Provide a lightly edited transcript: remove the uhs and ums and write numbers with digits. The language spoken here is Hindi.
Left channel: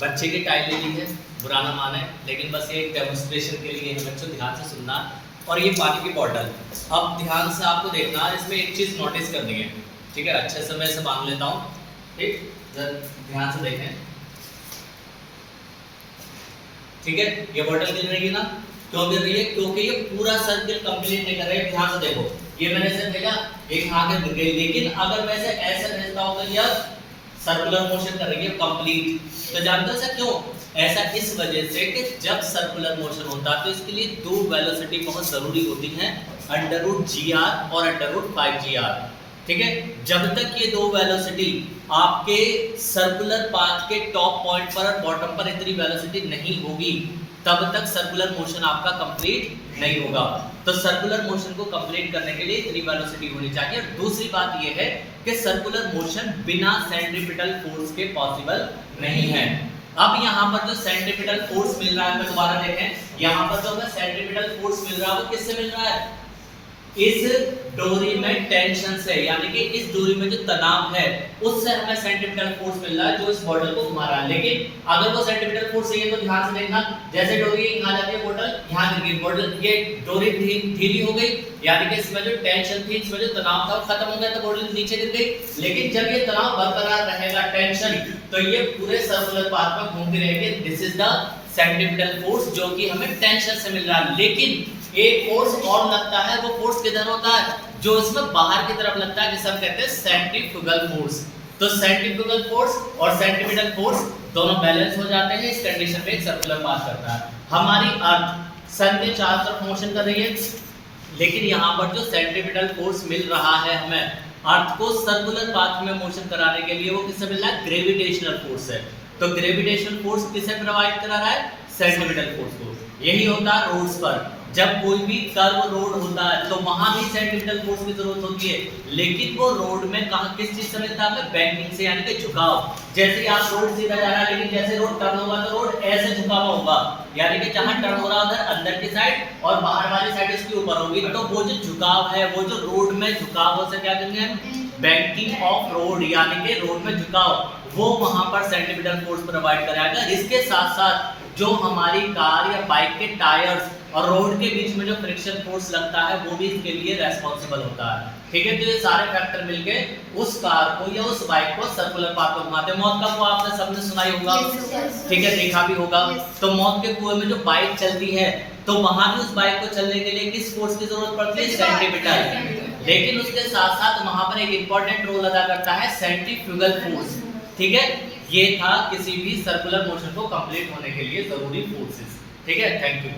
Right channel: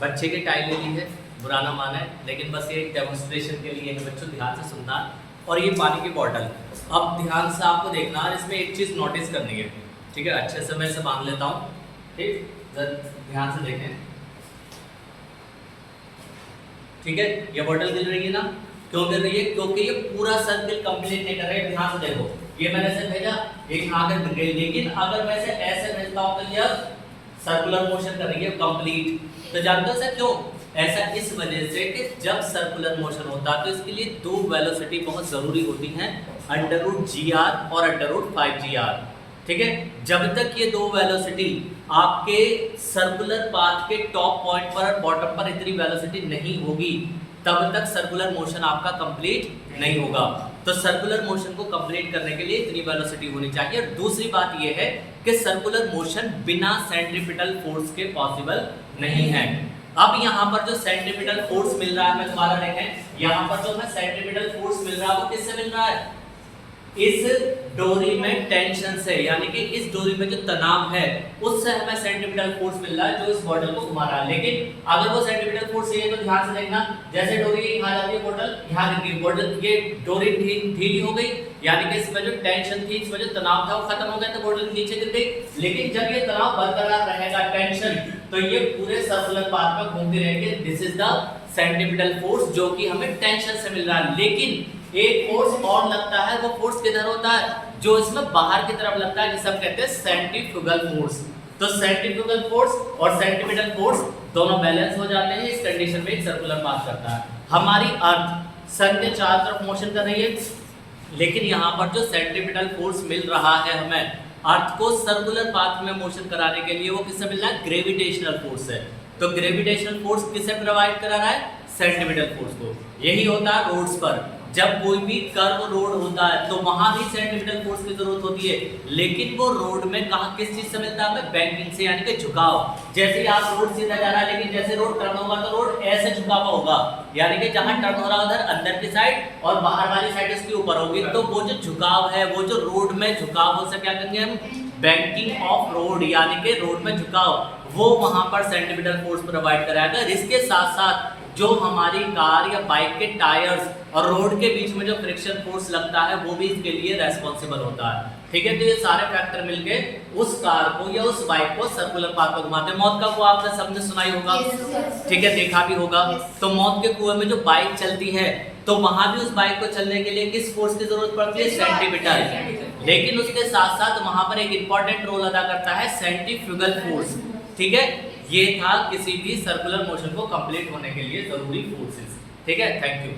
बच्चे की टाइम ले ली है, बुरा ना माना है, लेकिन बस ये एक डेमोन्स्ट्रेशन के लिए है बच्चों, ध्यान से सुनना। और ये पानी की बॉटल, अब ध्यान से आपको देखना, इसमें एक चीज़ नोटिस करनी है, ठीक है। अच्छे से मैं इसे बांध लेता हूँ, ठीक, ध्यान से देखें, ठीक है। ये बॉटल गिर रही है ना, क्यों गिर रही है? क्योंकि ये पूरा सर्किल कंप्लीट नहीं कर रहा है। ध्यान से देखो, ये मैंने ऐसे भेजा, एक यहाँ तक गिर गई, लेकिन अगर मैं इसे ऐसे भेजता हूँ तो यह सर्कुलर मोशन कर रही है कंप्लीट। तो जानते हो ऐसा क्यों? ऐसा इस वजह से कि जब सर्कुलर मोशन होता है तो इसके लिए दो वेलोसिटी बहुत जरूरी होती हैं, √gr और √5gr, ठीक है। जब तक ये दो वेलोसिटी आपके सर्कुलर पाथ के टॉप पॉइंट पर और बॉटम पर इतनी वेलोसिटी नहीं होगी, तब तक सर्कुलर मोशन आपका कंप्लीट नहीं होगा। तो सर्कुलर मोशन को कंप्लीट करने के लिए इतनी वेलोसिटी होनी चाहिए। और दूसरी बात यह है कि सर्कुलर मोशन बिना सेंट्रीपिटल फोर्स के पॉसिबल नहीं है। अब यहाँ पर जो सेंट्रीपिटल फोर्स मिल रहा है, मैं दोबारा देखें, यहाँ पर जो हमें सेंट्रीपिटल फोर्स मिल रहा है वो किससे मिल रहा है? इस डोरी में टेंशन से, यानी कि इस डोरी में जो तनाव है उससे हमें सेंट्रीपिटल फोर्स मिल रहा है जो इस बॉटल को घुमा रहा है। लेकिन अगर वो सेंट्रीपिटल फोर्स चाहिए तो ध्यान से देखना, जैसे डोरी यहाँ जाती है बॉटल, यहाँ गिर गई बॉटल, ये डोरी ढीली हो गई, यानी कि इसमें जो टेंशन थी, इसमें जो तनाव था वो खत्म हो गया, तो बॉटल नीचे गिर गई। लेकिन जब ये तनाव बरकरार रहेगा, टेंशन, तो ये पूरे सर्कुलर पाथ में घूमती रहेगी। This is the centripetal force जो कि हमें टेंशन से मिल रहा है। लेकिन एक फोर्स और लगता है, वो फोर्स किधर होता है? जो इसमें बाहर की तरफ लगता है, जिसे हम कहते हैं सेंट्रीफ्यूगल फोर्स। तो सेंट्रीफ्यूगल फोर्स और सेंट्रीपिटल फोर्स दोनों बैलेंस हो जाते हैं, इस कंडीशन में एक सर्कुलर पाथ करता है। हमारी अर्थ सन के चारों तरफ मोशन कर रही है, लेकिन यहाँ पर जो सेंट्रीपिटल फोर्स मिल रहा है हमें अर्थ को सर्कुलर पाथ में मोशन कराने के लिए, वो किससे मिल रहा है? ग्रेविटेशनल फोर्स है। तो ग्रेविटेशनल फोर्स किसे प्रोवाइड करा रहा है? सेंट्रीपिटल फोर्स को। यही होता है रोड्स पर, जब कोई भी कर्व रोड होता है तो वहां भी सेंट्रीपिटल फोर्स की जरूरत होती है, लेकिन वो रोड में कहां किस चीज से मिलता है? बैंकिंग से, यानी कि झुकाव। जैसे आप रोड सीधा जा रहा है, लेकिन जैसे रोड टर्न होगा तो रोड ऐसे झुका हुआ होगा, यानी कि जहां टर्न हो रहा है उधर अंदर की साइड और बाहर वाली साइड इसके ऊपर होगी। तो वो जो झुकाव है, वो जो रोड में झुकाव हो सके, क्या कहेंगे हम? बैंकिंग ऑफ रोड, यानी कि रोड में झुकाव, वो वहां पर सेंट्रीपिटल फोर्स प्रोवाइड कराएगा। इसके साथ साथ जो हमारी कार या बाइक के टायर्स और रोड के बीच में जो फ्रिक्शन फोर्स लगता है, वो भी इसके लिए रेस्पॉन्सिबल होता है, ठीक है। तो ये सारे फैक्टर मिलके उस कार को या उस बाइक को सर्कुलर पाथ पर घुमाते हैं। मौत का कुआं आपने सबने सुना ही होगा, ठीक है, देखा भी होगा। तो मौत के कुएं में जो बाइक चलती है, तो वहां भी उस बाइक को चलने के लिए किस फोर्स की जरूरत पड़ती है? सेंट्रीपिटल। लेकिन उसके साथ साथ वहां पर एक इंपॉर्टेंट रोल अदा करता है सेंट्रीफ्यूगल फोर्स, ठीक है। ये था किसी भी सर्कुलर मोशन को कंप्लीट होने के लिए जरूरी फोर्सेस, ठीक है। Thank you.